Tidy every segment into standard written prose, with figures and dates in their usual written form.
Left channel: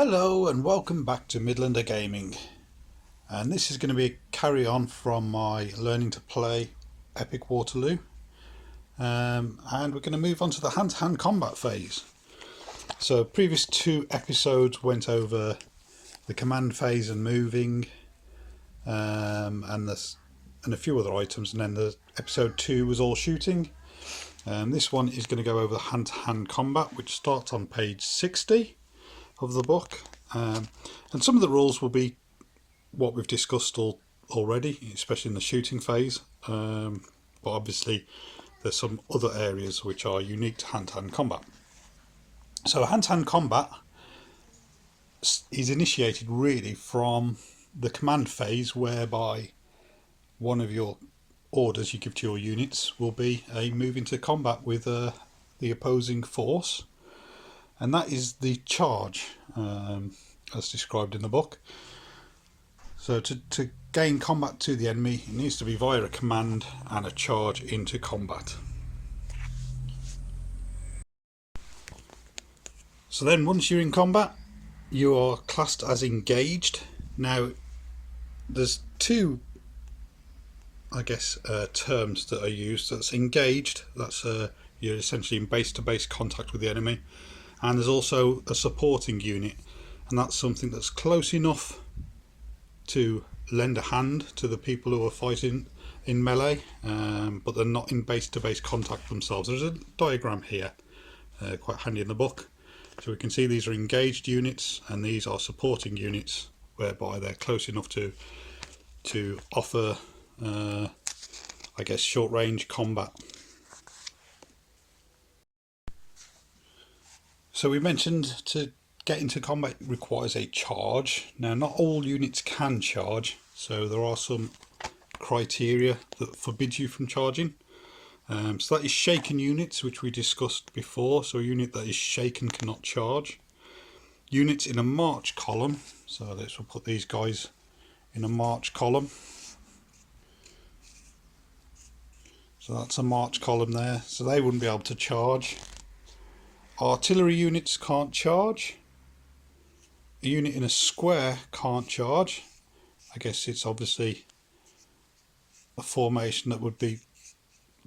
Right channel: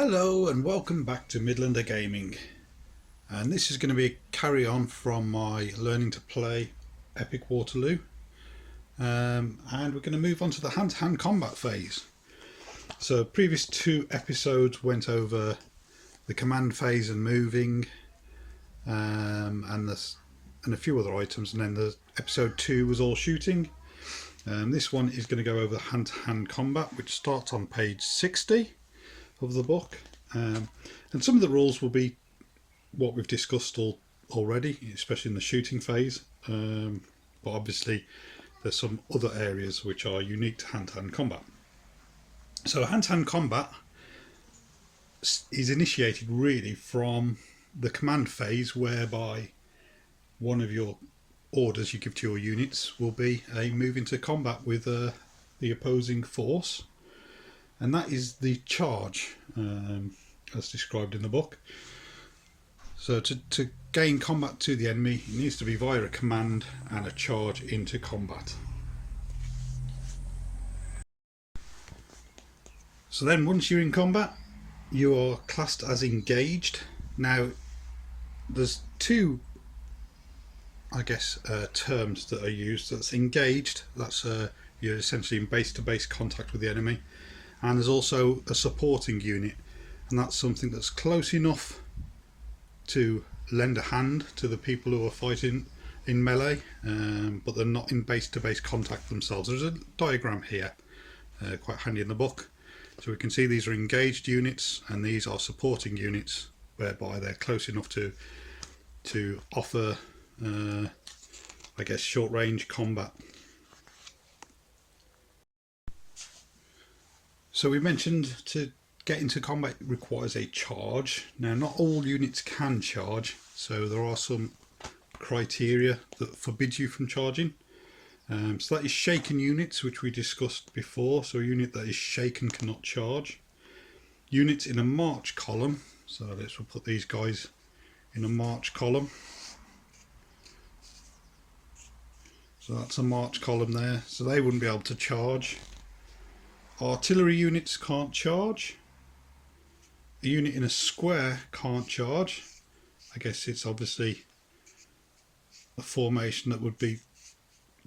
Hello and welcome back to Midlander Gaming, and this is going to be a carry on from my learning to play Epic Waterloo, and we're going to move on to the hand-to-hand combat phase. So previous two episodes went over the command phase and moving, and a few other items, and then the episode 2 was all shooting. This one is going to go over the hand-to-hand combat, which starts on page 60 of the book, and some of the rules will be what we've discussed already, especially in the shooting phase, but obviously there's some other areas which are unique to hand-to-hand combat. So hand-to-hand combat is initiated really from the command phase, whereby one of your orders you give to your units will be a move into combat with the opposing force. And that is the charge, as described in the book. So to gain combat to the enemy, it needs to be via a command and a charge into combat. So then once you're in combat, you are classed as engaged. Now there's two, I guess, terms that are used. That's engaged, that's you're essentially in base-to-base contact with the enemy. And there's also a supporting unit, and that's something that's close enough to lend a hand to the people who are fighting in melee, but they're not in base-to-base contact themselves. There's a diagram here, quite handy in the book. So we can see these are engaged units and these are supporting units, whereby they're close enough to offer, I guess, short-range combat. So we mentioned to get into combat requires a charge. Now not all units can charge, so there are some criteria that forbid you from charging. So that is shaken units, which we discussed before. So a unit that is shaken cannot charge. Units in a march column, so we'll put these guys in a march column. So that's a march column there, so they wouldn't be able to charge. Artillery units can't charge. A unit in a square can't charge. I guess it's obviously a formation that would be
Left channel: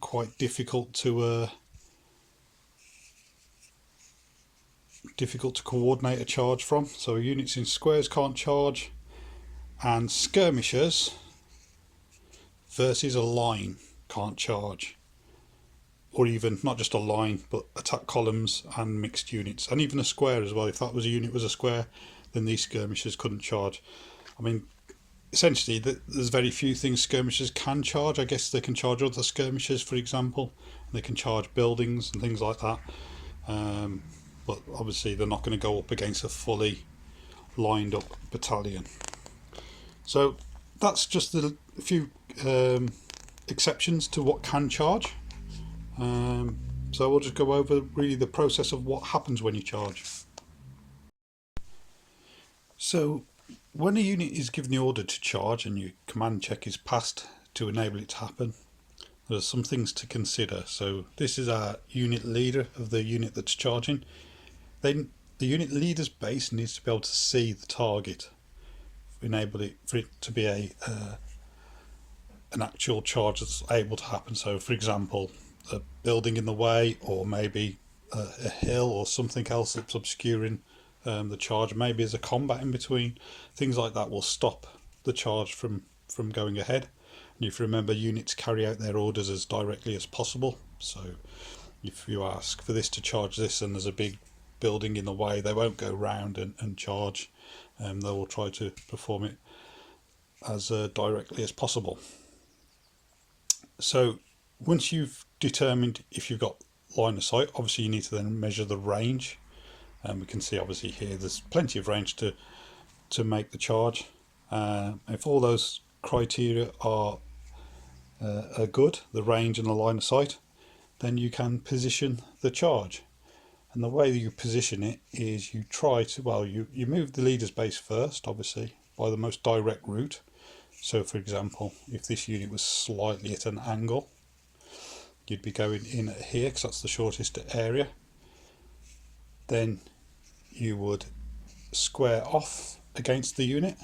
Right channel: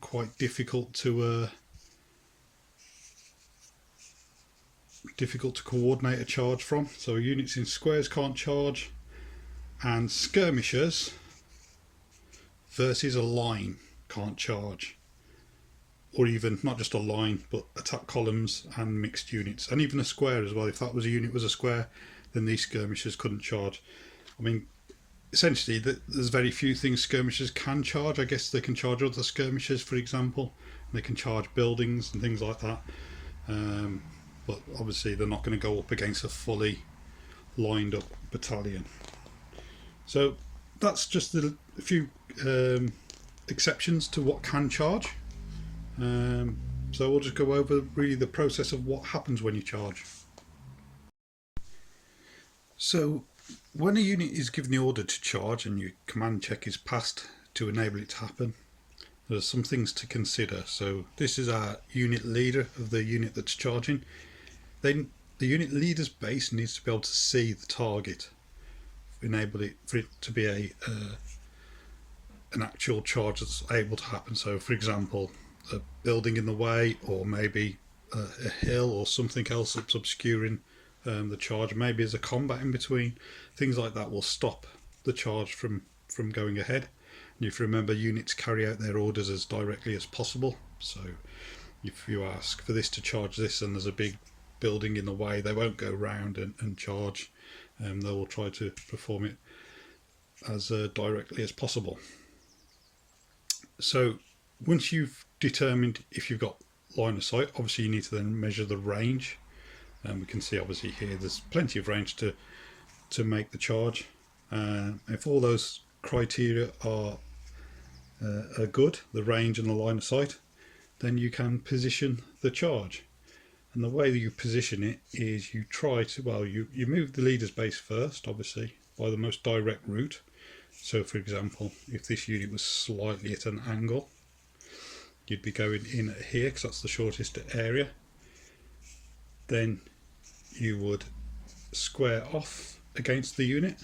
quite difficult to coordinate a charge from. So units in squares can't charge, and skirmishers versus a line can't charge. Or even not just a line, but attack columns and mixed units, and even a square as well. If that was a unit was a square, then these skirmishers couldn't charge. I mean, essentially there's very few things skirmishers can charge. I guess they can charge other skirmishers, for example, and they can charge buildings and things like that, but obviously they're not going to go up against a fully lined up battalion. So that's just a few exceptions to what can charge. So we'll just go over really the process of what happens when you charge. So when a unit is given the order to charge and your command check is passed to enable it to happen, there's some things to consider. So this is our unit leader of the unit that's charging. Then the unit leader's base needs to be able to see the target, enable it for it to be an actual charge that's able to happen. So for example, a building in the way, or maybe a hill or something else that's obscuring the charge. Maybe there's a combat in between. Things like that will stop the charge from going ahead. And if you remember, units carry out their orders as directly as possible. So if you ask for this to charge this and there's a big building in the way, they won't go round and charge. They will try to perform it as directly as possible. So once you've determined if you've got line of sight, obviously you need to then measure the range, and we can see obviously here there's plenty of range to make the charge. If all those criteria are good, the range and the line of sight, then you can position the charge. And the way that you position it is you try to, well, you move the leader's base first, obviously by the most direct route. So for example, if this unit was slightly at an angle, you'd be going in here because that's the shortest area. Then you would square off against the unit,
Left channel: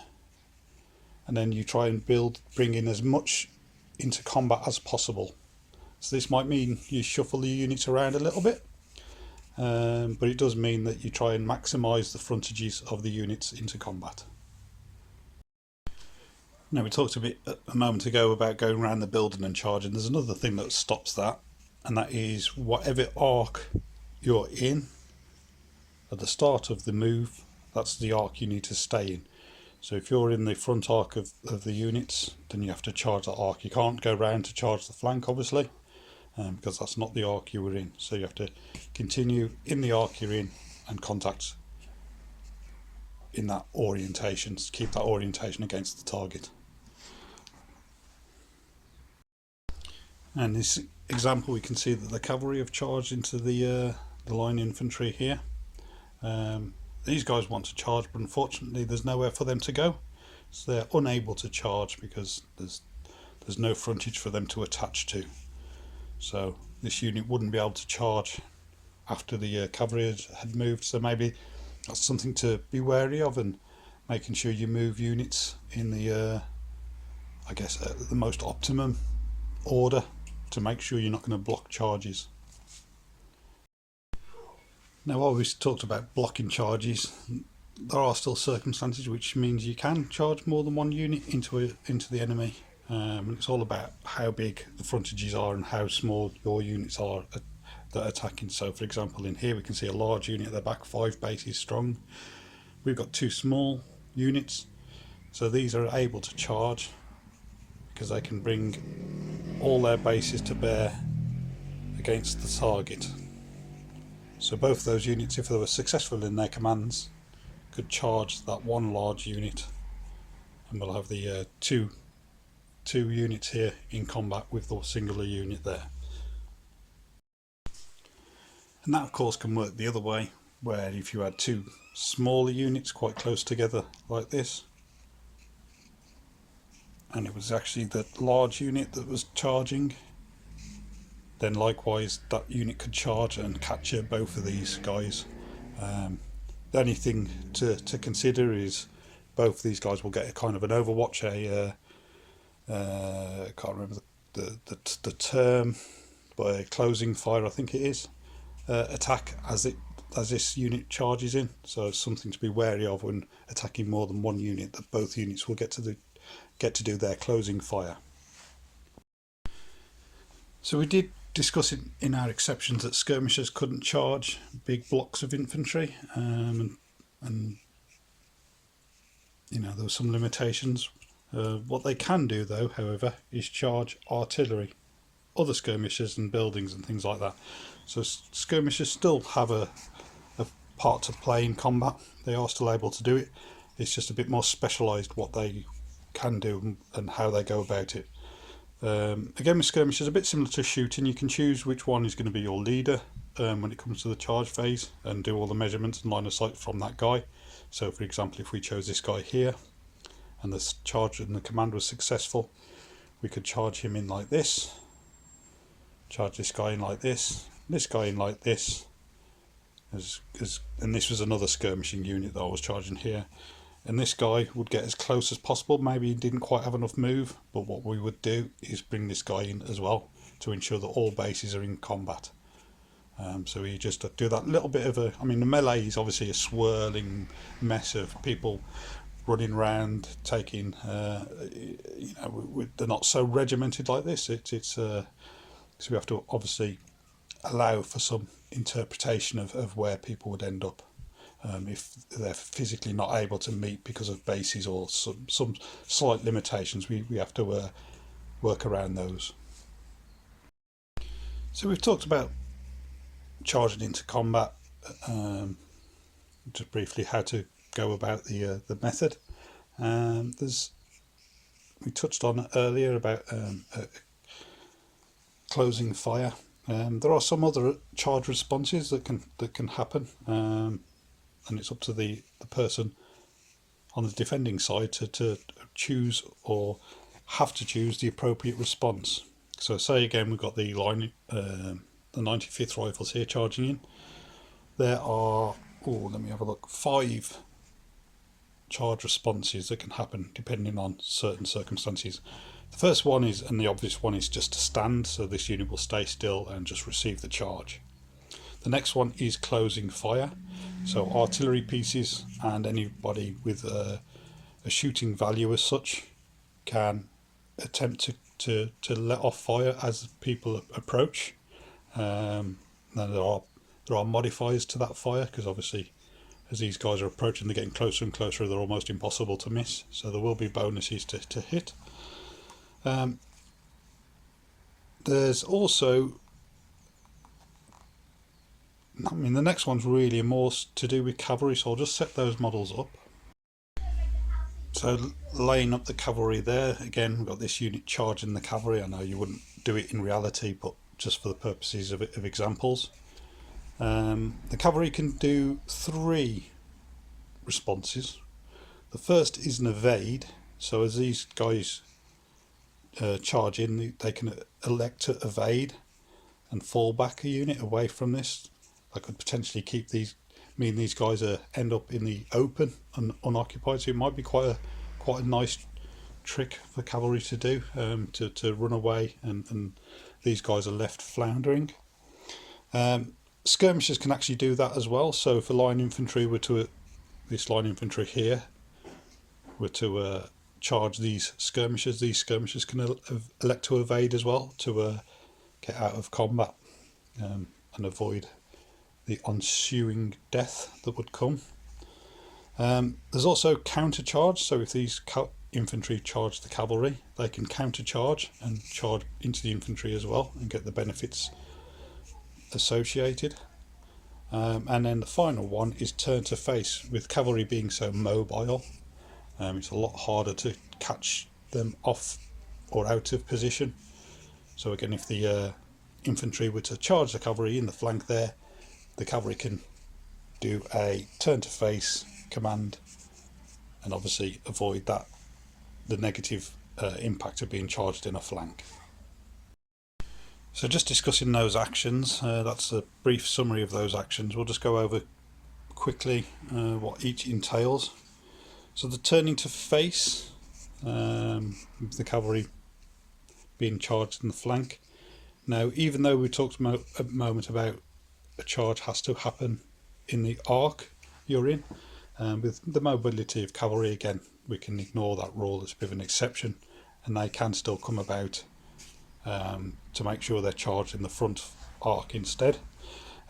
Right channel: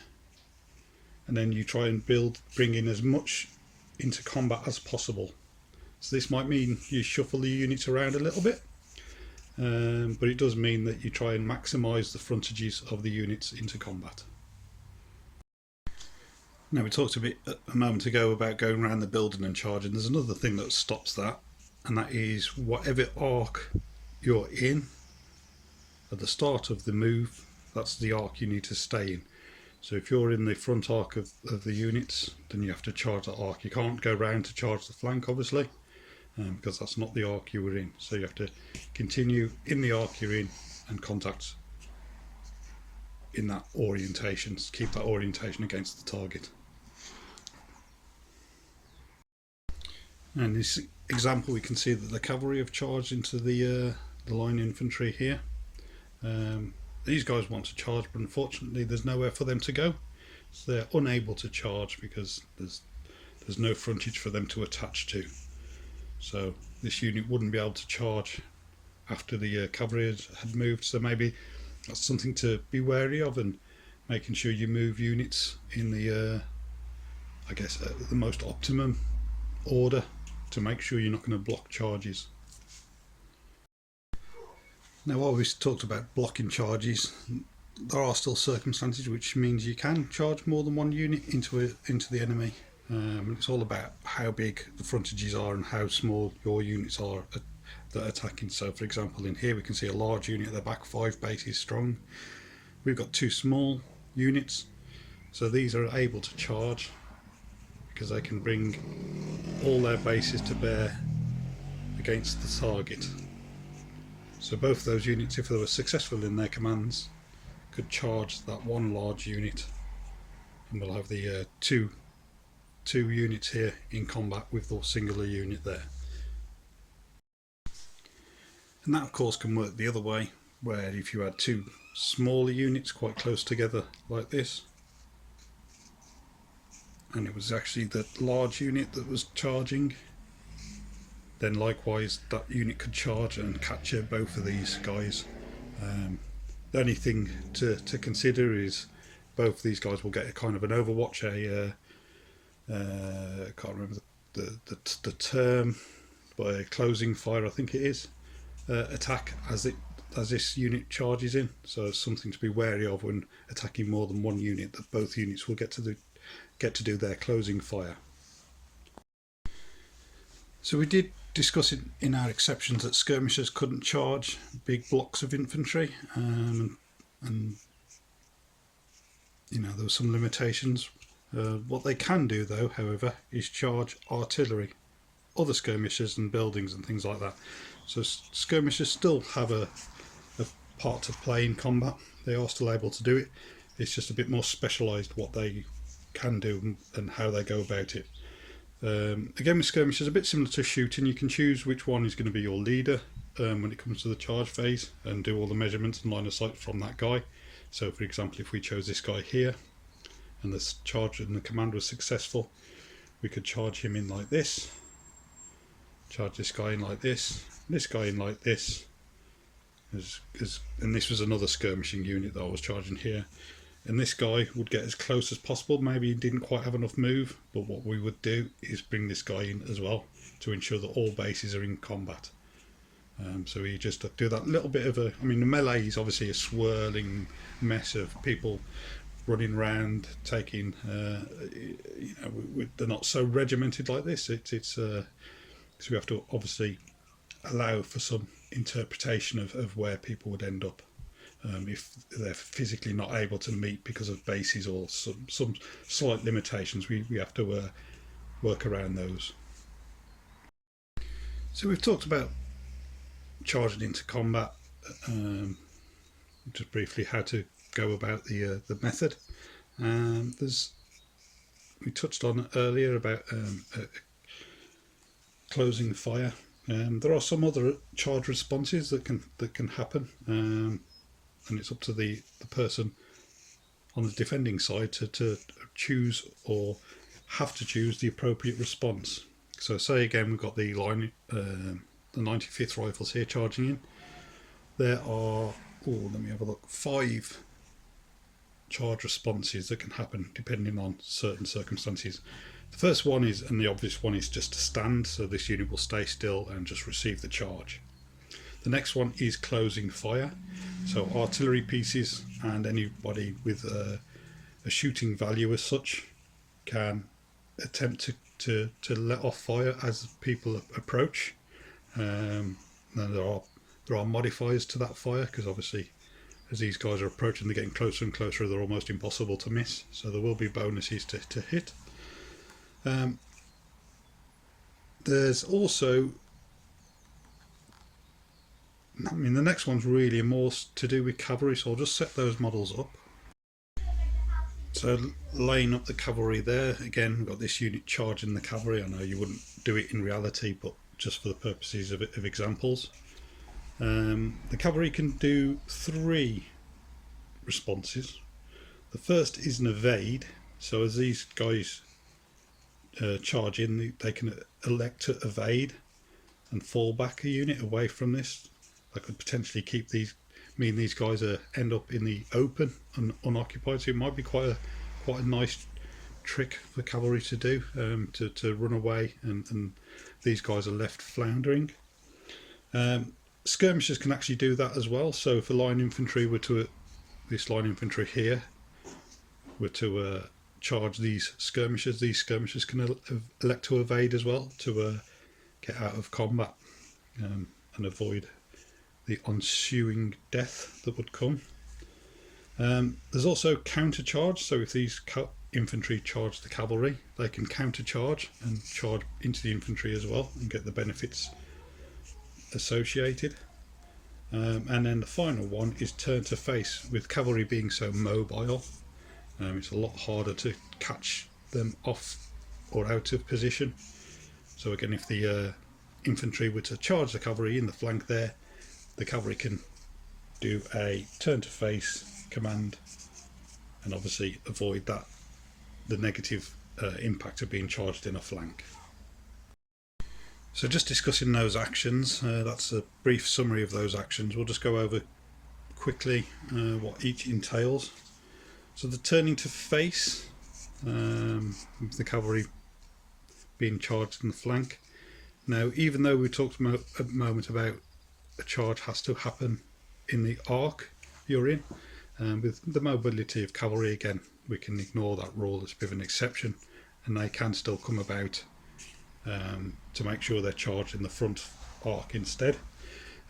and then you try and bring in as much into combat as possible. So this might mean you shuffle the units around a little bit, but it does mean that you try and maximise the frontages of the units into combat. Now, we talked a moment ago about going around the building and charging. There's another thing that stops that, and that is whatever arc you're in at the start of the move, that's the arc you need to stay in. So if you're in the front arc of the units, then you have to charge that arc. You can't go round to charge the flank, obviously, because that's not the arc you were in. So you have to continue in the arc you're in and contact in that orientation. Keep that orientation against the target. And in this example, we can see that the cavalry have charged into the line infantry here. These guys want to charge, but unfortunately there's nowhere for them to go, so they're unable to charge because there's no frontage for them to attach to. So this unit wouldn't be able to charge after the cavalry had moved. So maybe that's something to be wary of, and making sure you move units in the I guess the most optimum order to make sure you're not going to block charges. Now, while we've talked about blocking charges, there are still circumstances which means you can charge more than one unit into the enemy. It's all about how big the frontages are and how small your units are that are attacking. So for example, in here we can see a large unit at the back, 5 bases strong. We've got 2 small units, so these are able to charge because they can bring all their bases to bear against the target. So both those units, if they were successful in their commands, could charge that one large unit, and we'll have the two units here in combat with the singular unit there. And that of course can work the other way, where if you had 2 smaller units quite close together like this, and it was actually the large unit that was charging, then likewise that unit could charge and capture both of these guys. The only thing to consider is both these guys will get a kind of an overwatch, I can't remember the term, but a closing fire I think it is, attack as this unit charges in. So it's something to be wary of when attacking more than one unit, that both units will get to do their closing fire. So we did discuss in our exceptions that skirmishers couldn't charge big blocks of infantry, and you know, there were some limitations. What they can do though, however, is charge artillery, other skirmishers and buildings and things like that. So skirmishers still have a part to play in combat. They are still able to do it. It's just a bit more specialised what they can do and how they go about it. Again, with skirmishers, a bit similar to shooting. You can choose which one is going to be your leader when it comes to the charge phase, and do all the measurements and line of sight from that guy. So for example, if we chose this guy here and the charge and the command was successful, we could charge him in like this, charge this guy in like this guy in like this, and this was another skirmishing unit that I was charging here. And this guy would get as close as possible. Maybe he didn't quite have enough move, but what we would do is bring this guy in as well to ensure that all bases are in combat. So we just do that little bit of I mean, the melee is obviously a swirling mess of people running around, taking, you know, they're not so regimented like this. So we have to obviously allow for some interpretation of where people would end up. If they're physically not able to meet because of bases or some slight limitations, we have to work around those. So we've talked about charging into combat, just briefly how to go about the method. We touched on it earlier about closing fire. There are some other charge responses that can happen. And it's up to the person on the defending side to choose or have to choose the appropriate response. So say again we've got the line, the 95th Rifles here charging in. There are, let me have a look, 5 charge responses that can happen depending on certain circumstances. The first one is, and the obvious one, is just to stand, so this unit will stay still and just receive the charge. The next one is closing fire, so artillery pieces and anybody with a shooting value as such can attempt to let off fire as people approach. Then there are modifiers to that fire, because obviously as these guys are approaching, they're getting closer and closer, they're almost impossible to miss, so there will be bonuses to hit. There's also, I mean, the next one's really more to do with cavalry, so I'll just set those models up. So laying up the cavalry there, again, we've got this unit charging the cavalry. I know you wouldn't do it in reality, but just for the purposes of examples. The cavalry can do 3 responses. The first is an evade, so as these guys charge in, they can elect to evade and fall back a unit away from this. I could potentially keep these guys end up in the open and unoccupied, so it might be quite a nice trick for cavalry to do, to run away and these guys are left floundering. Skirmishers can actually do that as well, so if a line infantry were to, this line infantry here were to charge these skirmishers can elect to evade as well, to get out of combat and avoid the ensuing death that would come. There's also counter charge, so if these infantry charge the cavalry, they can counter charge and charge into the infantry as well and get the benefits associated. And then the final one is turn to face. With cavalry being so mobile, it's a lot harder to catch them off or out of position. So again, if the infantry were to charge the cavalry in the flank there, the cavalry can do a turn to face command and obviously avoid the negative impact of being charged in a flank. So just discussing those actions, that's a brief summary of those actions. We'll just go over quickly what each entails. So the turning to face, the cavalry being charged in the flank. Now, even though we talked a moment about a charge has to happen in the arc you're in, with the mobility of cavalry, again, we can ignore that rule. It's a bit of an exception, and they can still come about to make sure they're charged in the front arc instead.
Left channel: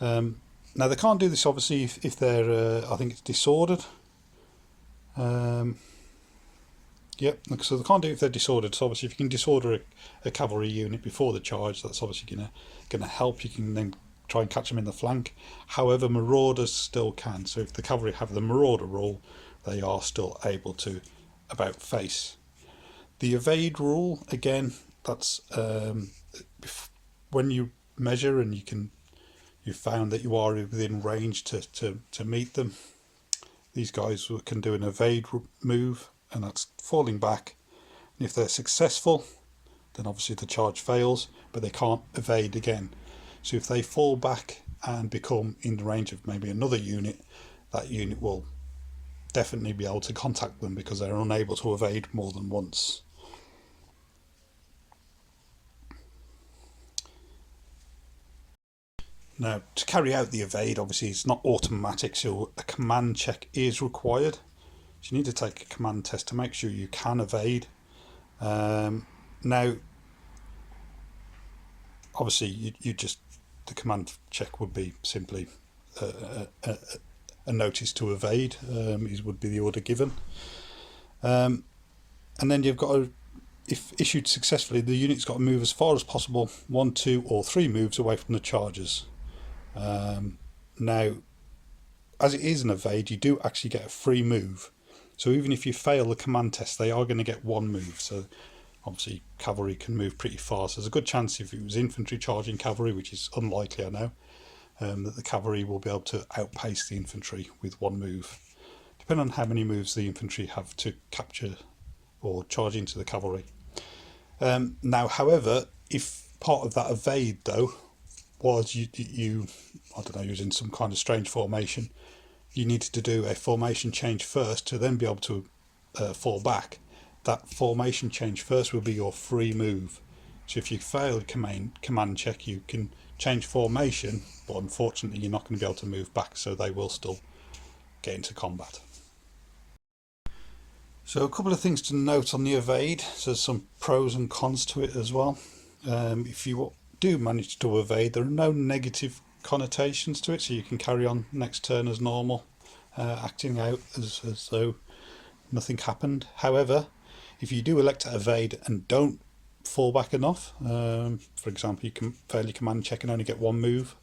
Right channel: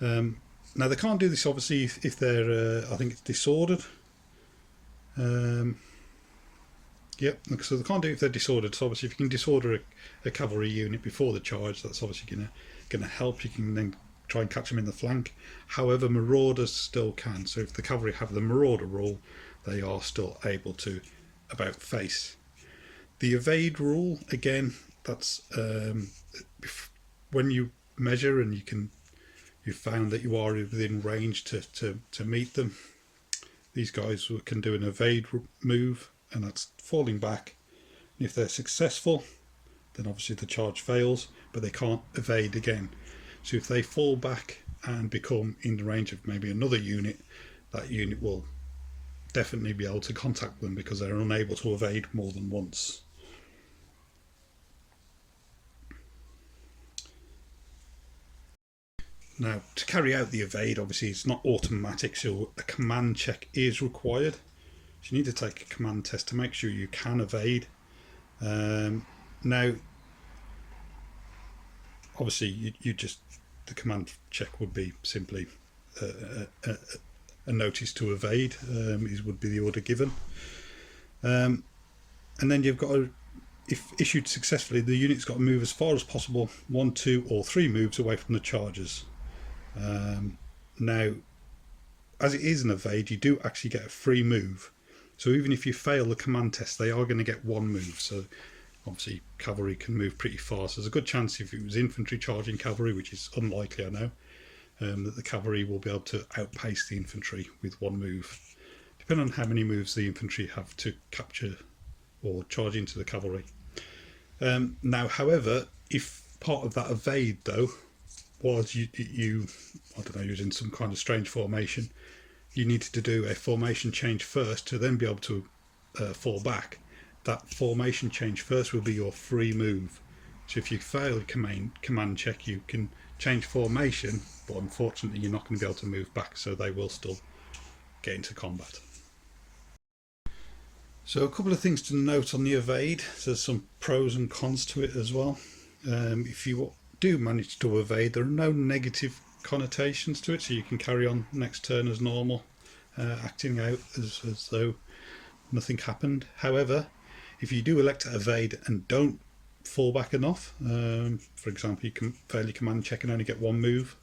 Now, they can't do this obviously if they're I think it's disordered. Yep, so they can't do it if they're disordered. So obviously if you can disorder a cavalry unit before the charge, that's obviously gonna help. You can then try and catch them in the flank. However, marauders still can. So if the cavalry have the marauder rule, they are still able to about face. The evade rule, again, that's when you measure and you found that you are within range to meet them, these guys can do an evade move, and that's falling back. And if they're successful, then obviously the charge fails, but they can't evade again. So if they fall back and become in the range of maybe another unit, that unit will definitely be able to contact them because they're unable to evade more than once. Now, to carry out the evade, obviously it's not automatic, so a command check is required. So you need to take a command test to make sure you can evade. Now, obviously the command check would be simply a notice to evade, would be the order given. And then you've got to, if issued successfully, the unit's got to move as far as possible, 1, 2 or 3 moves away from the chargers. Now, as it is an evade, you do actually get a free move. So even if you fail the command test, they are going to get 1 move. So obviously cavalry can move pretty fast. There's a good chance if it was infantry charging cavalry, which is unlikely, I know, that the cavalry will be able to outpace the infantry with 1 move, depending on how many moves the infantry have to capture or charge into the cavalry. Now, however, if part of that evade though was you I don't know, using some kind of strange formation, you needed to do a formation change first to then be able to fall back, that formation change first will be your free move. So if you fail command check, you can change formation, but unfortunately you're not going to be able to move back, so they will still get into combat. So a couple of things to note on the evade. So there's some pros and cons to it as well. If you do manage to evade, there are no negative connotations to it, so you can carry on next turn as normal, acting out as though nothing happened. However, if you do elect to evade and don't fall back enough, for example, you can fail your command check and only get one move,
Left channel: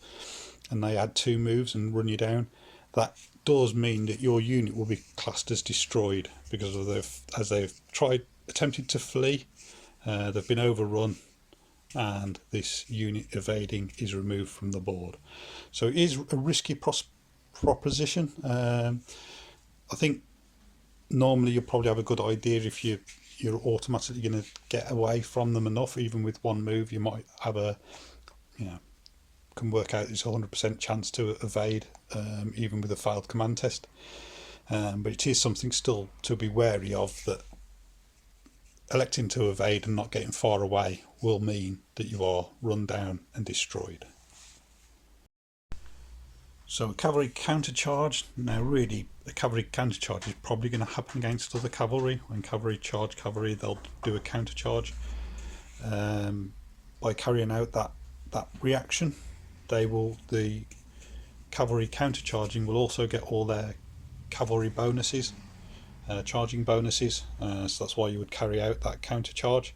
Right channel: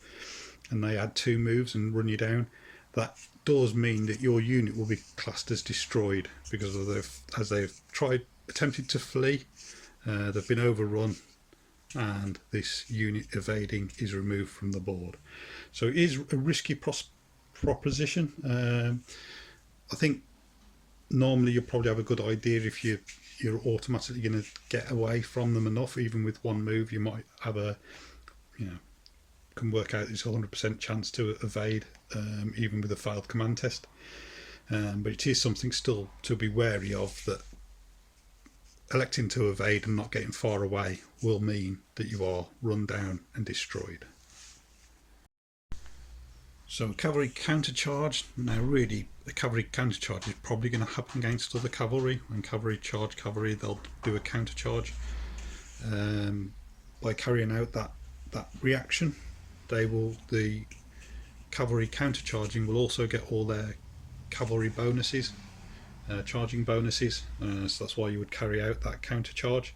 and they add 2 moves and run you down, that does mean that your unit will be classed as destroyed, because as they've attempted to flee, they've been overrun, and this unit evading is removed from the board. So it is a risky proposition. I think normally you'll probably have a good idea if you're automatically going to get away from them enough. Even with one move, you might have can work out it's 100% chance to evade, even with a failed command test. But it is something still to be wary of, that electing to evade and not getting far away will mean that you are run down and destroyed. So a cavalry countercharge. Now really, a cavalry countercharge is probably going to happen against other cavalry. When cavalry charge cavalry, they'll do a countercharge. By carrying out that reaction, the cavalry countercharging will also get all their cavalry bonuses, charging bonuses. So that's why you would carry out that countercharge.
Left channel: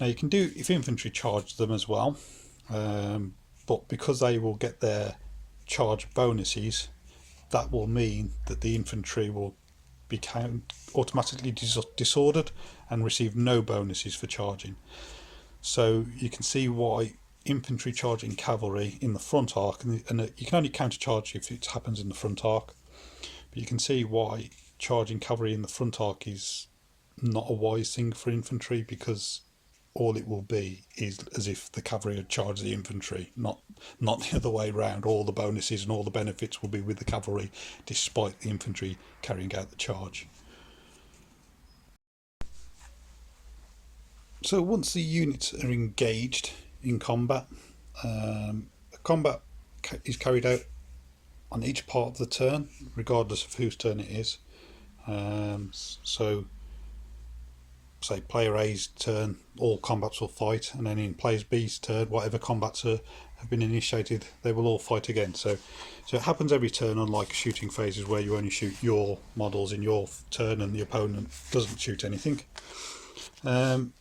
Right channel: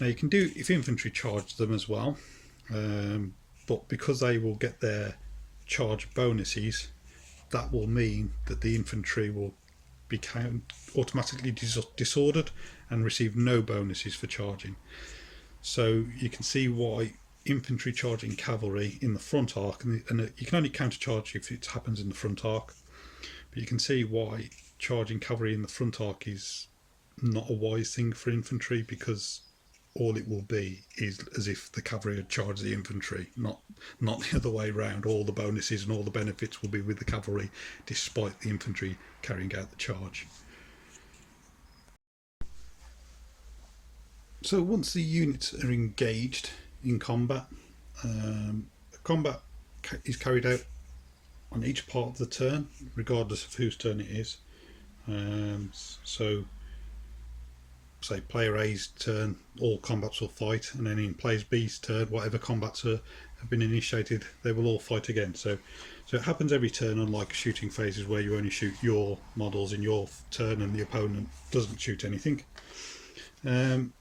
Now you can do if infantry charge them as well, but because they will get their charge bonuses, that will mean that the infantry will be automatically disordered and receive no bonuses for charging. So you can see why infantry charging cavalry in the front arc, and you can only countercharge if it happens in the front arc, but you can see why charging cavalry in the front arc is not a wise thing for infantry, because all it will be is as if the cavalry had charged the infantry, not the other way around. All the bonuses and all the benefits will be with the cavalry, despite the infantry carrying out the charge. So once the units are engaged in combat, combat is carried out on each part of the turn, regardless of whose turn it is. So say player A's turn, all combats will fight, and then in player B's turn, whatever combats have been initiated, they will all fight again. So it happens every turn, unlike shooting phases where you only shoot your models in your turn and the opponent doesn't shoot anything. And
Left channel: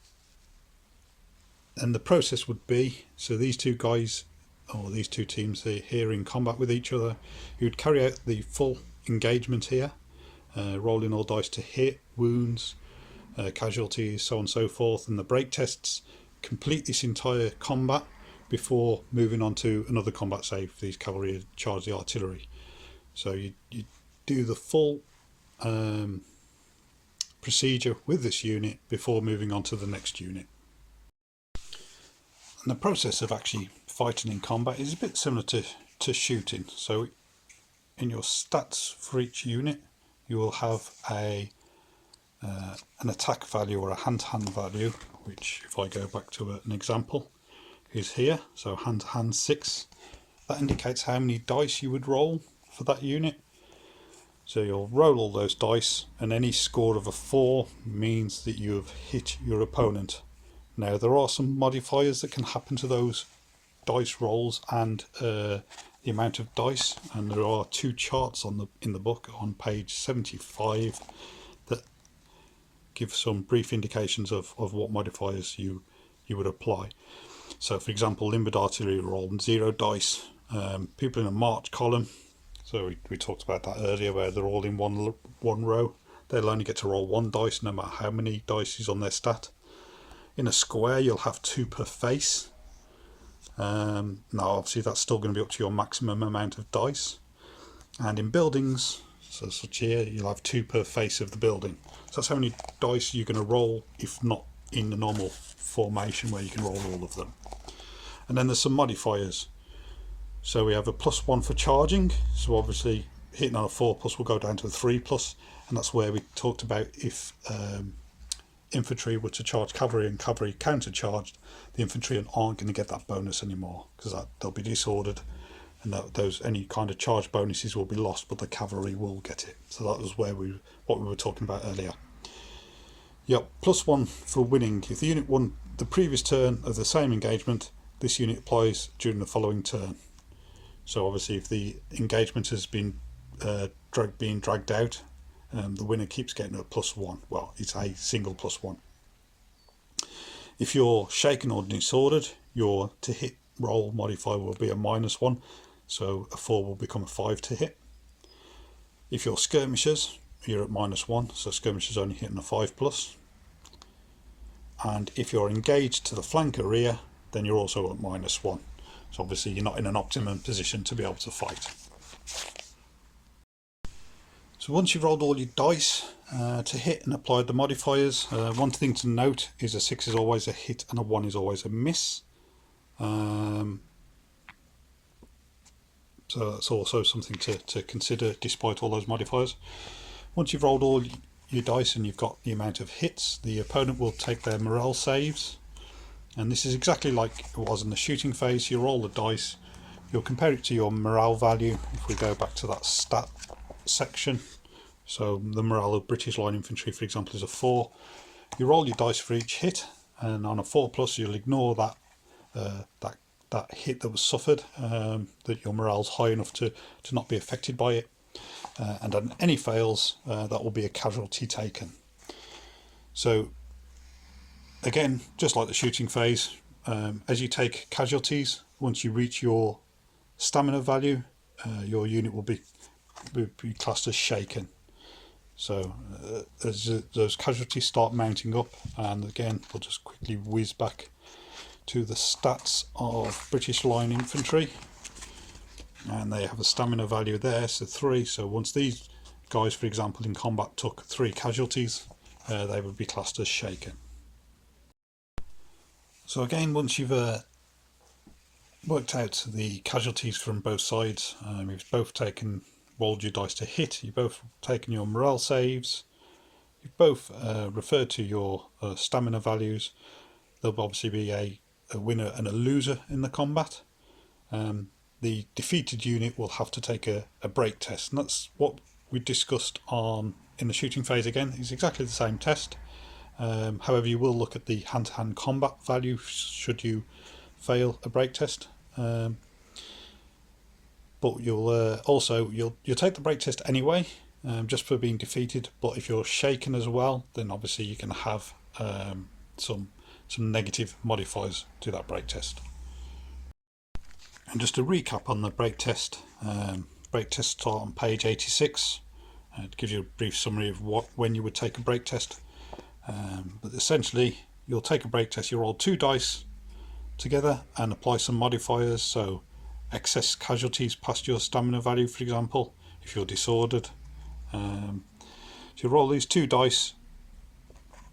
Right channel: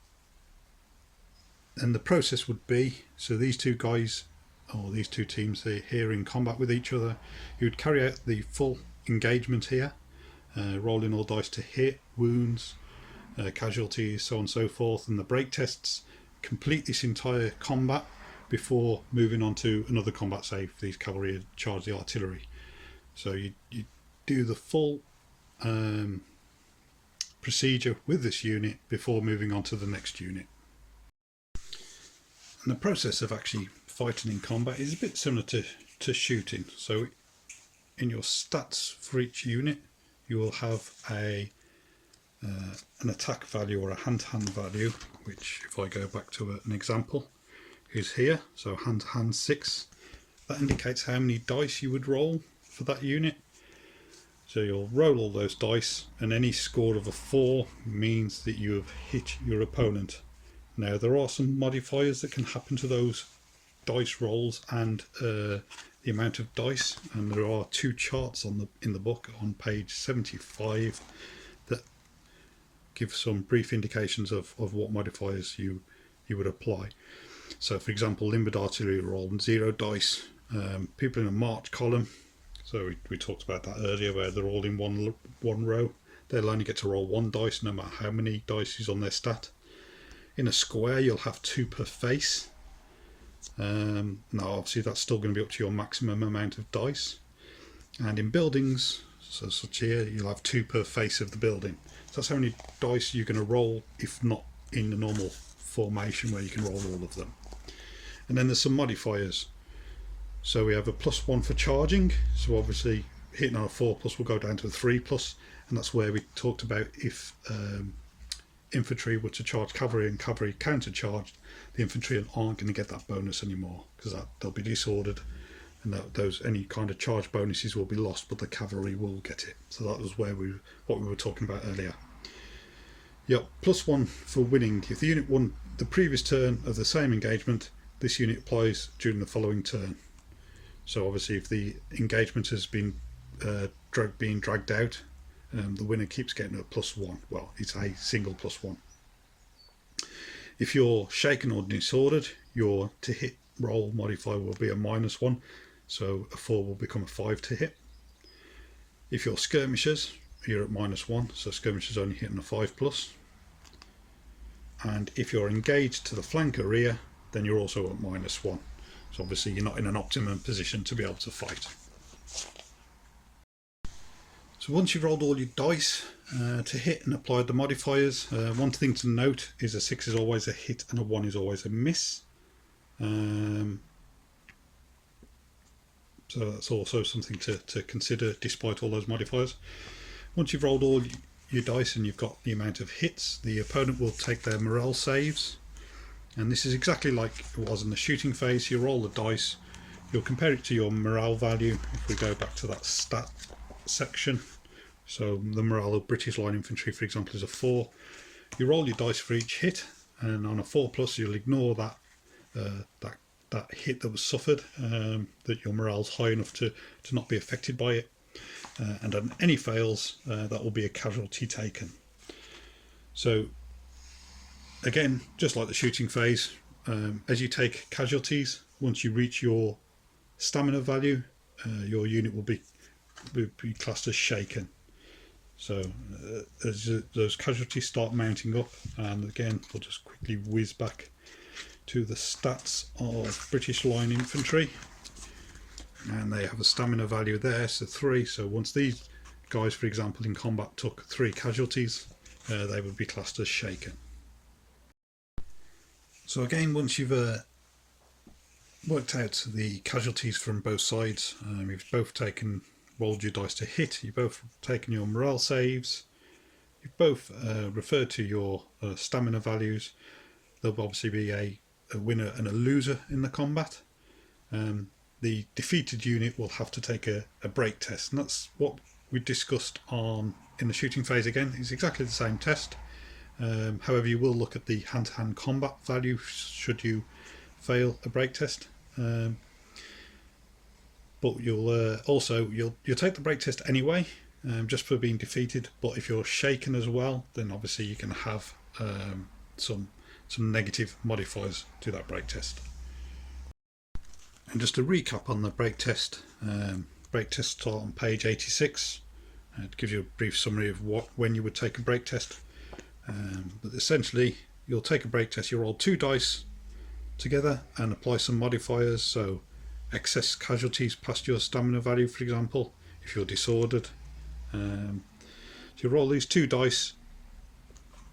the process would be, so these two guys, or these two teams, they're here in combat with each other. You would carry out the full engagement here, rolling all dice to hit, wounds, casualties, so on and so forth, and the break tests. Complete this entire combat before moving on to another combat, say if these cavalry charge the artillery. So you do the full procedure with this unit before moving on to the next unit. And the process of actually fighting in combat is a bit similar to shooting. So in your stats for each unit, you will have an attack value or a hand-to-hand value, which, if I go back to an example, is here. So hand-to-hand 6. That indicates how many dice you would roll for that unit. So you'll roll all those dice, and any score of a 4 means that you have hit your opponent. Now there are some modifiers that can happen to those dice rolls and the amount of dice, and there are 2 charts in the book on page 75 that give some brief indications of what modifiers you would apply. So for example, limbered artillery roll 0 dice, people in a march column, so we talked about that earlier, where they're all in one row, they'll only get to roll 1 dice no matter how many dice is on their stat. In a square you'll have 2 per face. Now obviously that's still going to be up to your maximum amount of dice. And in buildings, so such here, you'll have 2 per face of the building. So that's how many dice you're going to roll, if not in the normal formation where you can roll all of them. And then there's some modifiers. So we have a +1 for charging, so obviously hitting on a 4+ will go down to a 3+, and that's where we talked about if infantry were to charge cavalry and cavalry countercharged, the infantry aren't going to get that bonus anymore because they'll be disordered, and those any kind of charge bonuses will be lost, but the cavalry will get it. So that was what we were talking about earlier. Yep, +1 for winning. If the unit won the previous turn of the same engagement, this unit applies during the following turn. So obviously if the engagement has been being dragged out, the winner keeps getting a +1. Well, it's a single +1. If you're shaken or disordered, your to hit roll modifier will be a -1, so a 4 will become a 5 to hit. If you're skirmishers, you're at -1, so skirmishers only hitting a 5+. And if you're engaged to the flank or rear, then you're also at -1. So obviously you're not in an optimum position to be able to fight. So once you've rolled all your dice to hit and applied the modifiers, one thing to note is a 6 is always a hit and a 1 is always a miss. So that's also something to consider despite all those modifiers. Once you've rolled all your dice and you've got the amount of hits, the opponent will take their morale saves. And this is exactly like it was in the shooting phase. You roll the dice, you'll compare it to your morale value. If we go back to that stat section, so the morale of British Line Infantry, for example, is a 4. You roll your dice for each hit, and on a 4+, you'll ignore that hit that was suffered, that your morale's high enough to not be affected by it. And on any fails, that will be a casualty taken. So again, just like the shooting phase, as you take casualties, once you reach your stamina value, your unit will be classed as shaken. So as those casualties start mounting up, and again we'll just quickly whiz back to the stats of British Line Infantry, and they have a stamina value there, so 3. So once these guys, for example, in combat took 3 casualties, they would be classed as shaken. So again, once you've worked out the casualties from both sides, you've both rolled your dice to hit, you've both taken your morale saves, you've both referred to your stamina values. There'll obviously be a winner and a loser in the combat. The defeated unit will have to take a break test, and that's what we discussed in the shooting phase. Again, it's exactly the same test. However, you will look at the hand-to-hand combat value should you fail a break test. But you'll take the break test anyway, just for being defeated. But if you're shaken as well, then obviously you can have some negative modifiers to that break test. And just to recap on the break test start on page 86. To give you a brief summary of when you would take a break test. But essentially, you'll take a break test. You roll 2 dice together and apply some modifiers. So excess casualties past your stamina value, for example, if you're disordered. So you roll these 2 dice,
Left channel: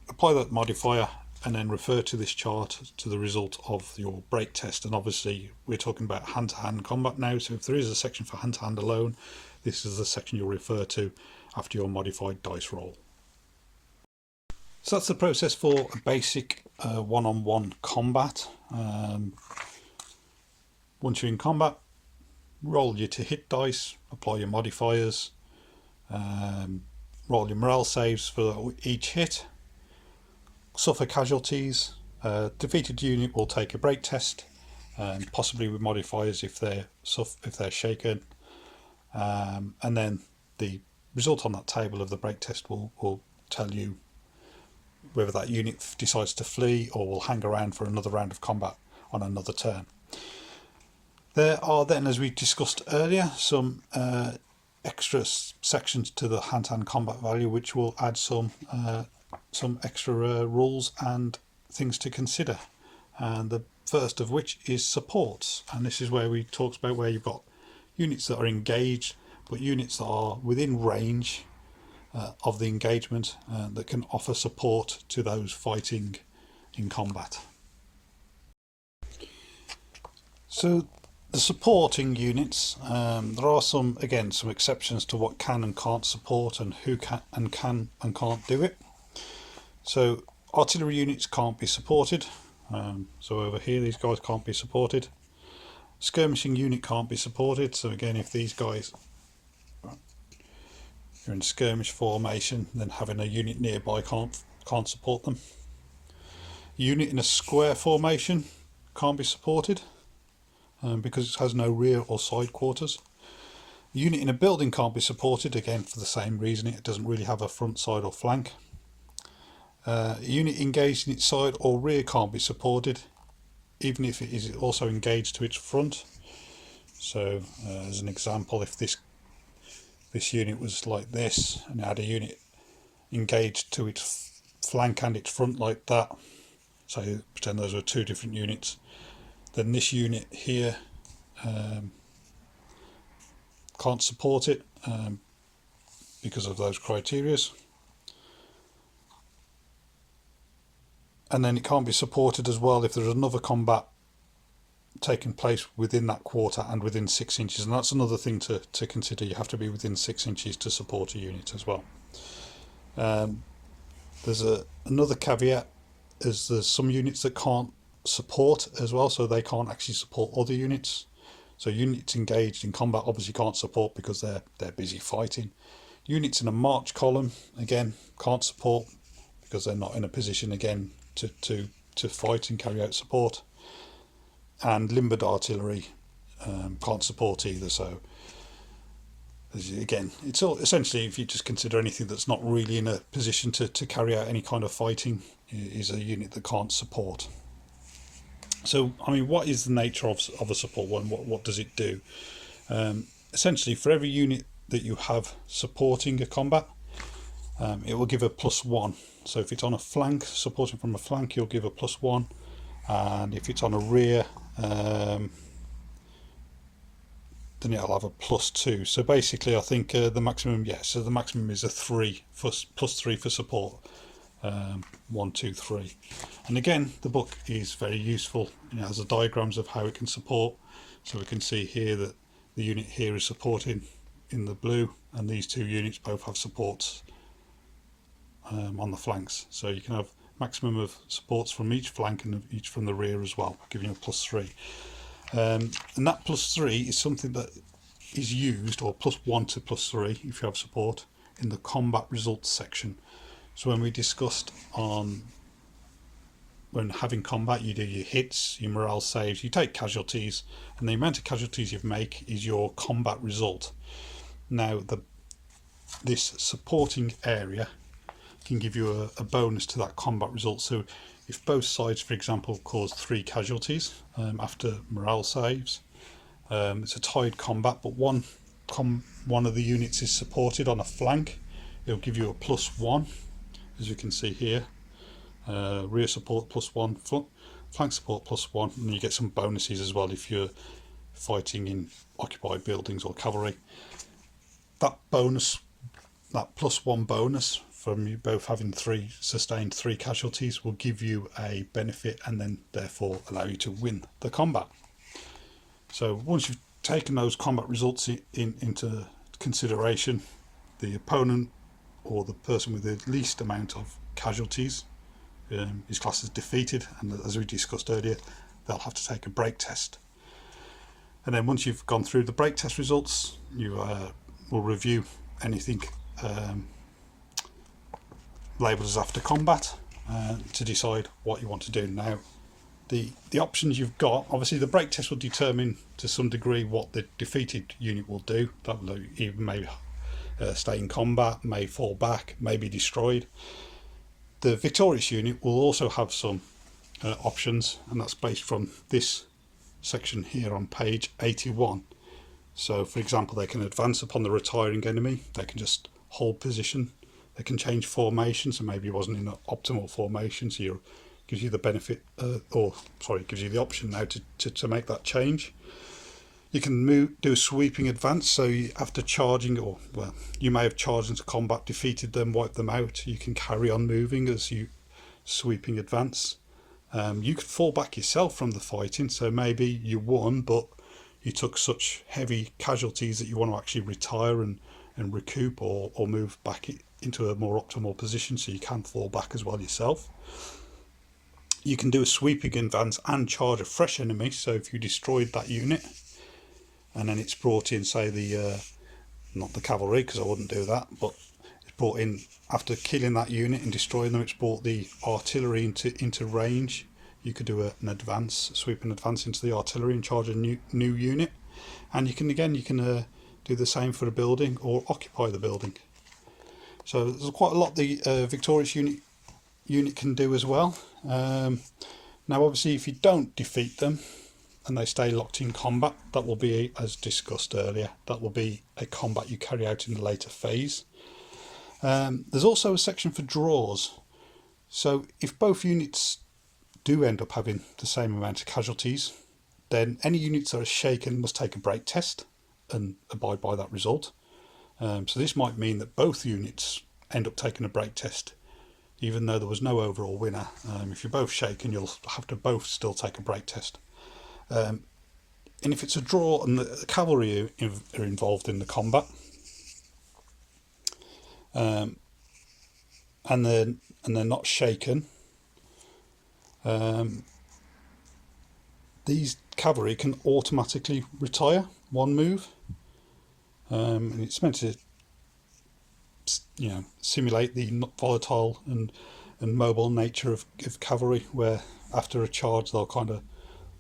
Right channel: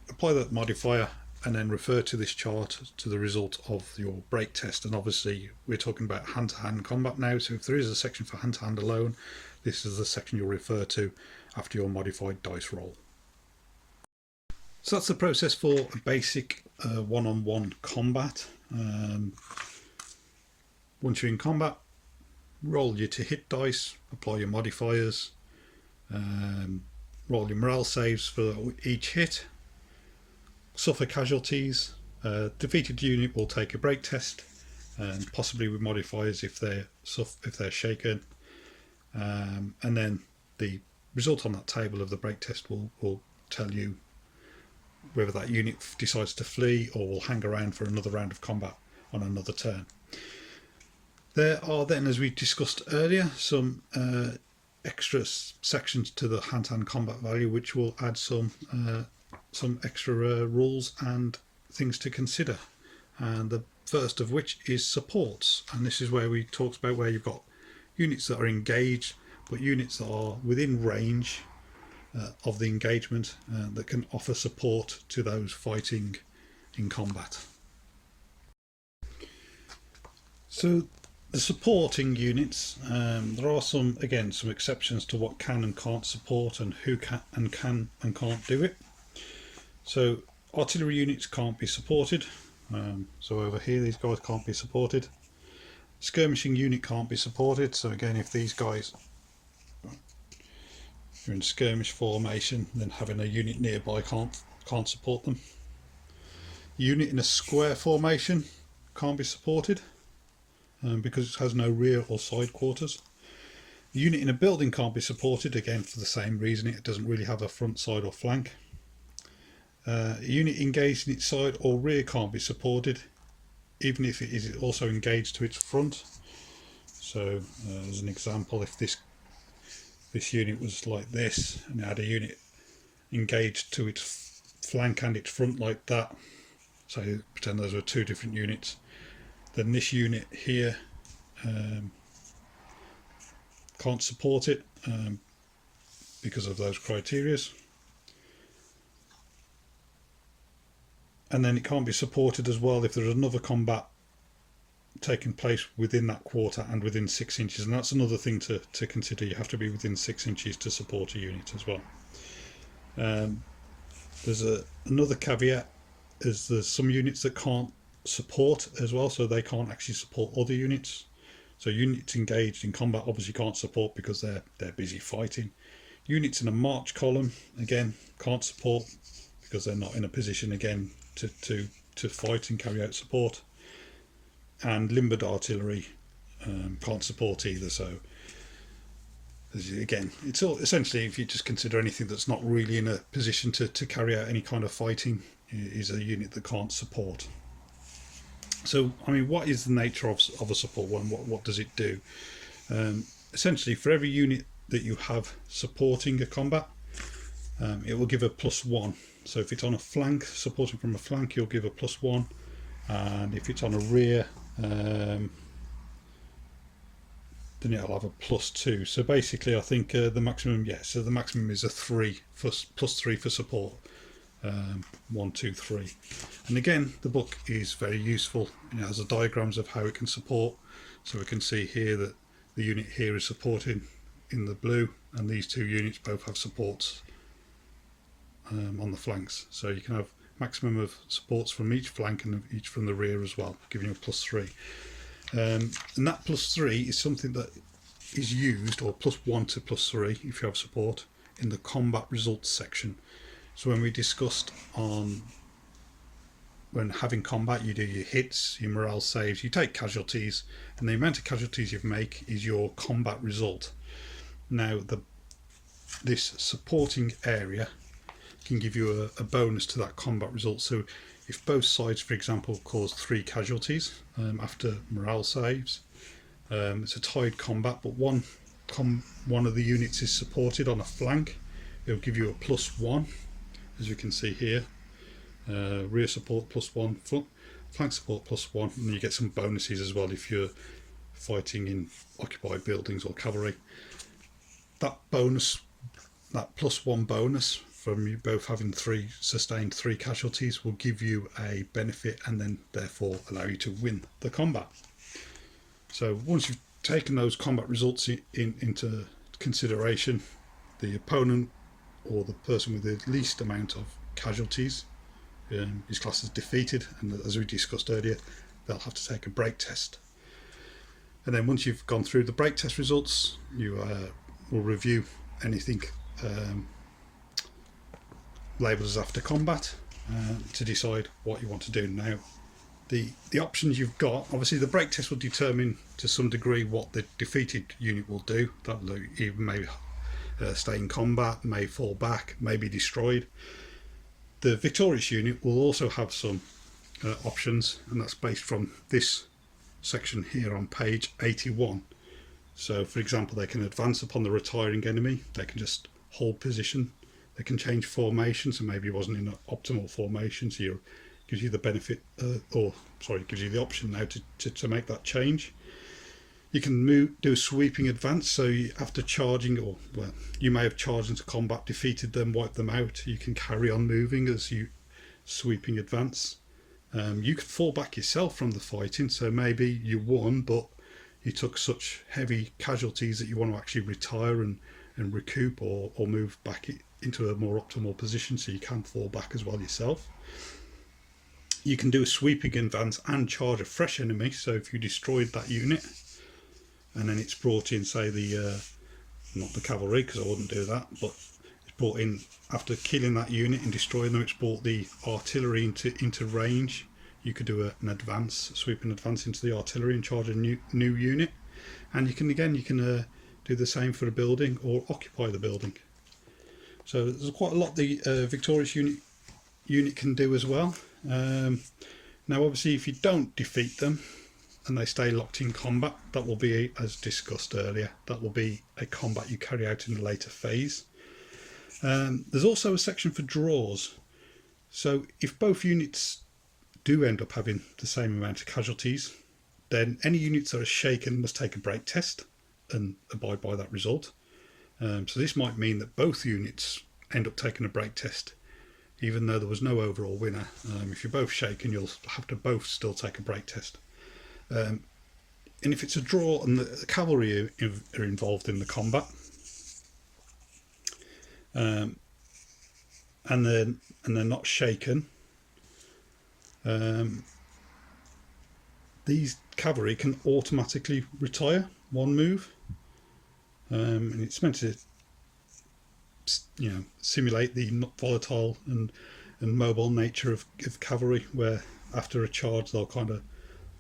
apply that modifier, and then refer to this chart to the result of your break test. And obviously we're talking about hand-to-hand combat now, so if there is a section for hand-to-hand alone, this is the section you'll refer to after your modified dice roll. So that's the process for a basic one-on-one combat. Once you're in combat, roll your to hit dice, apply your modifiers, roll your morale saves for each hit, suffer casualties. Defeated unit will take a break test, and possibly with modifiers if they're shaken, and then the result on that table of the break test will tell you whether that unit decides to flee or will hang around for another round of combat on another turn. There are then, as we discussed earlier, some extra sections to the hand-to-hand combat value which will add some extra rules and things to consider. And the first of which is supports, and this is where we talked about where you've got units that are engaged but units that are within range of the engagement that can offer support to those fighting in combat. So The supporting units, there are some exceptions to what can and can't support and who can and can't do it. So artillery units can't be supported. So over here these guys can't be supported. Skirmishing unit can't be supported. So again, if these guys are in skirmish formation, then having a unit nearby can't support them. Unit in a square formation can't be supported. Because it has no rear or side quarters. A unit in a building can't be supported, again for the same reason, it doesn't really have a front, side or flank. A unit engaged in its side or rear can't be supported, even if it is also engaged to its front. So as an example, if this unit was like this and it had a unit engaged to its flank and its front like that, so pretend those are two different units, then this unit here can't support it because of those criterias. And then it can't be supported as well if there's another combat taking place within that quarter and within 6 inches, and that's another thing to consider. You have to be within 6 inches to support a unit as well. There's another caveat, is there's some units that can't support as well, so they can't actually support other units. So units engaged in combat obviously can't support because they're busy fighting. Units in a march column again can't support because they're not in a position again to fight and carry out support. And limbered artillery can't support either. So again, it's all essentially, if you just consider anything that's not really in a position to carry out any kind of fighting, is a unit that can't support. So, I mean, what is the nature of a support one? What does it do? Essentially, for every unit that you have supporting a combat, it will give a +1. So if it's on a flank, supporting from a flank, you'll give a +1. And if it's on a rear, then it'll have a +2. So basically, I think the maximum, so the maximum is a 3 for +3 for support. 1, 2, 3. And again, the book is very useful. It has the diagrams of how it can support. So we can see here that the unit here is supported in the blue, and these two units both have supports on the flanks. So you can have maximum of supports from each flank and each from the rear as well, giving you a +3. And that +3 is something that is used, or +1 to +3 if you have support, in the combat results section. So when we discussed when having combat, you do your hits, your morale saves, you take casualties, and the amount of casualties you make is your combat result. Now this supporting area can give you a bonus to that combat result. So if both sides, for example, cause 3 casualties after morale saves, it's a tied combat, but one of the units is supported on a flank, it'll give you a +1. As you can see here, rear support +1, flank support +1, and you get some bonuses as well if you're fighting in occupied buildings or cavalry. That bonus, that +1 bonus from you both having sustained 3 casualties, will give you a benefit and then therefore allow you to win the combat. So once you've taken those combat results into consideration, the opponent or the person with the least amount of casualties is classed as defeated, and as we discussed earlier, they'll have to take a break test. And then once you've gone through the break test results, you will review anything labelled as after combat to decide what you want to do. Now the options you've got, obviously the break test will determine to some degree what the defeated unit will do. That will even maybe stay in combat, may fall back, may be destroyed. The victorious unit will also have some options, and that's based from this section here on page 81. So for example, they can advance upon the retiring enemy, they can just hold position, they can change formation, so maybe it wasn't in an optimal formation, so it gives you the benefit, gives you the option now to make that change. You can do a sweeping advance, so after charging, you may have charged into combat, defeated them, wiped them out, you can carry on moving as you sweeping advance. You could fall back yourself from the fighting, so maybe you won, but you took such heavy casualties that you want to actually retire and recoup or move back into a more optimal position so you can fall back as well yourself. You can do a sweeping advance and charge a fresh enemy, so if you destroyed that unit and then it's brought in, say the not the cavalry, because I wouldn't do that, but it's brought in after killing that unit and destroying them, it's brought the artillery into range. You could do an advance, sweep and advance into the artillery and charge a new unit. And you can do the same for a building or occupy the building. So there's quite a lot the victorious unit can do as well. Now obviously if you don't defeat them and they stay locked in combat, that will be, as discussed earlier, that will be a combat you carry out in the later phase. There's also a section for draws. So if both units do end up having the same amount of casualties, then any units that are shaken must take a break test and abide by that result. So this might mean that both units end up taking a break test even though there was no overall winner. If you're both shaken, you'll have to both still take a break test. And if it's a draw and the cavalry are involved in the combat, and they're not shaken, these cavalry can automatically retire one move, and it's meant to, you know, simulate the volatile and mobile nature of cavalry, where after a charge they'll kind of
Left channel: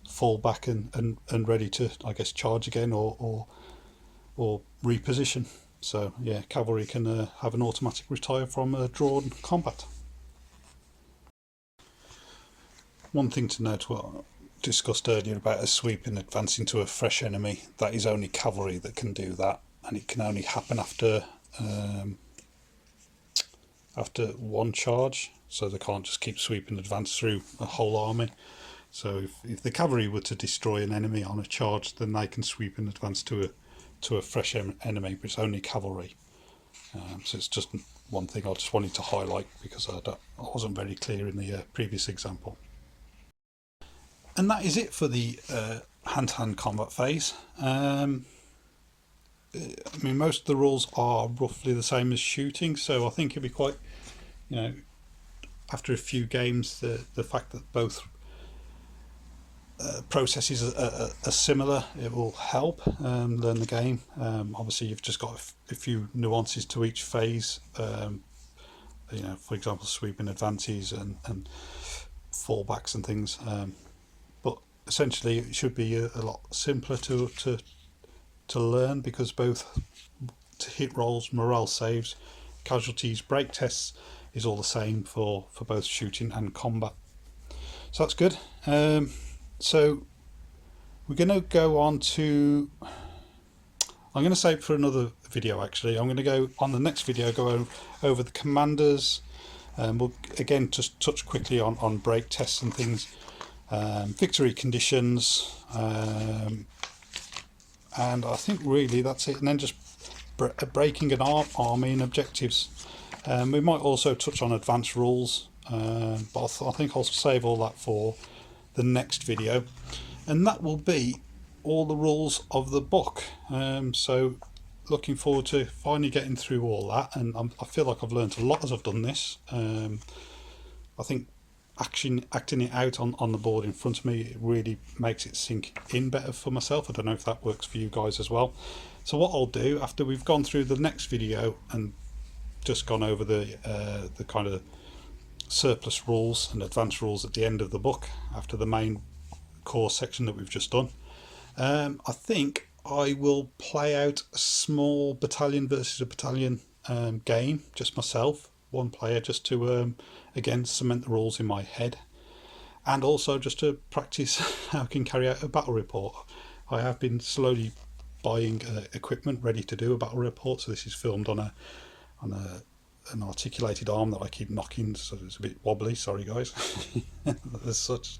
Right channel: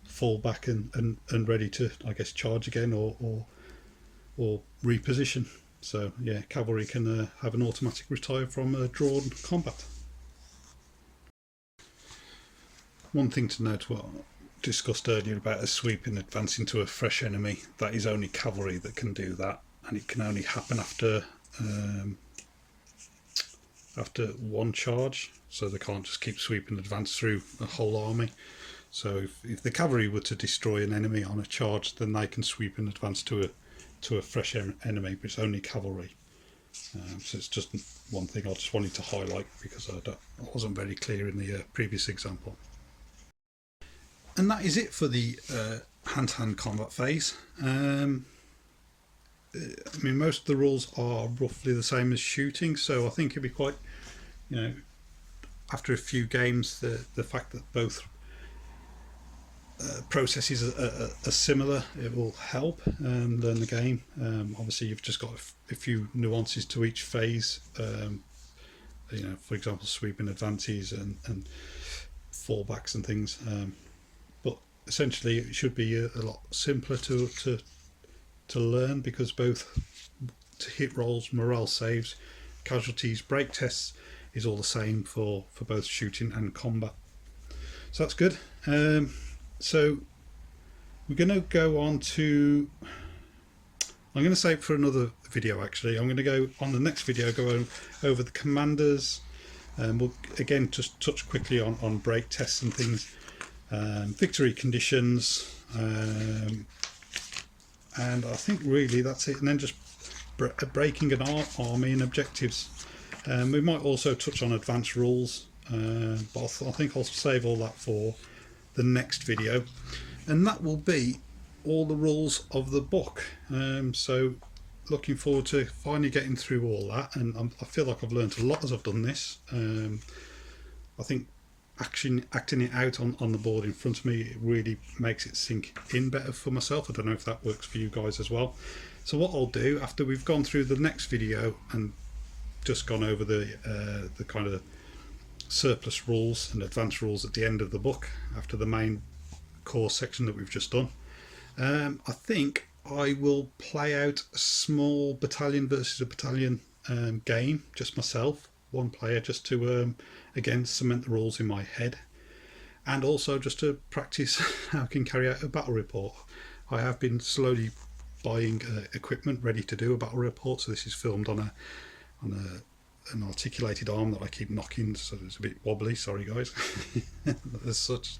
fall back and ready to, I guess, charge again or reposition. So yeah, cavalry can have an automatic retire from drawn combat. One thing to note, what discussed earlier about a sweep in advance into a fresh enemy, that is only cavalry that can do that, and it can only happen after one charge, so they can't just keep sweeping advance through a whole army. So if the cavalry were to destroy an enemy on a charge, then they can sweep in advance to a fresh enemy, but it's only cavalry. So it's just one thing I just wanted to highlight because I wasn't very clear in the previous example. And that is it for the hand-to-hand combat phase. I mean, most of the rules are roughly the same as shooting, so I think it'd be quite, you know, after a few games, the fact that both processes are similar, it will help learn the game. Obviously you've just got a few nuances to each phase, you know, for example sweeping advances and fallbacks and things, but essentially it should be a lot simpler to learn, because both to hit rolls, morale saves, casualties, break tests is all the same for both shooting and combat. So that's good. So we're going to go on to, I'm going to save for another video actually. I'm going to go on the next video, go over the commanders, and we'll again just touch quickly on break tests and things, victory conditions, and I think really that's it, and then just breaking an army and objectives. We might also touch on advanced rules, but I think I'll save all that for the next video, and that will be all the rules of the book. So looking forward to finally getting through all that, and I feel like I've learned a lot as I've done this. I think acting it out on the board in front of me, it really makes it sink in better for myself. I don't know if that works for you guys as well. So what I'll do after we've gone through the next video and just gone over the kind of surplus rules and advanced rules at the end of the book, after the main core section that we've just done, I think I will play out a small battalion versus a battalion game, just myself, one player, just to again cement the rules in my head, and also just to practice how I can carry out a battle report. I have been slowly buying equipment ready to do a battle report, so this is filmed on an articulated arm that I keep knocking, so it's a bit wobbly, sorry guys. As such.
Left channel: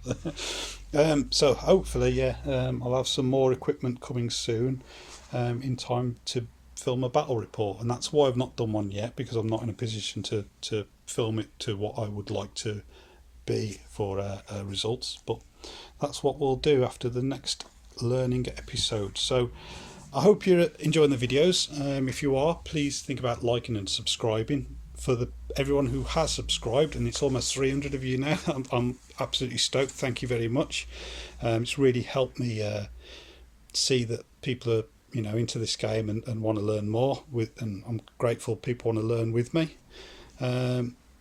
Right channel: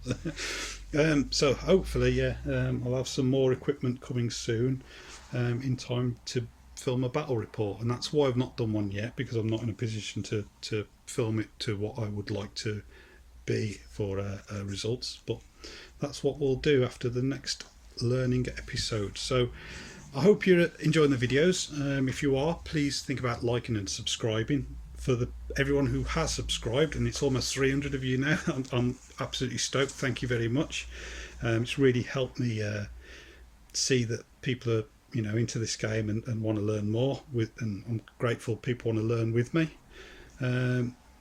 So hopefully, yeah, I'll have some more equipment coming soon, in time to film a battle report, and that's why I've not done one yet, because I'm not in a position to film it to what I would like to be for results. But that's what we'll do after the next learning episodes. So I hope you're enjoying the videos. If you are, please think about liking and subscribing. For everyone who has subscribed, and it's almost 300 of you now, I'm absolutely stoked. Thank you very much. It's really helped me see that people are into this game and want to learn more and I'm grateful people want to learn with me.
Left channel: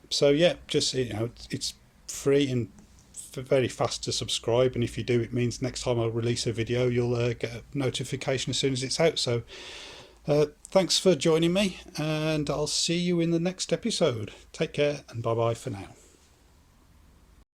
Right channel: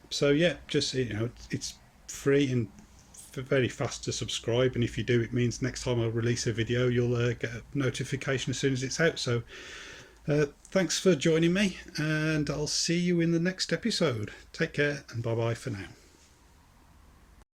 So yeah, just it's free and very fast to subscribe, and if you do, it means next time I release a video you'll get a notification as soon as it's out. So thanks for joining me, and I'll see you in the next episode. Take care and bye bye for now.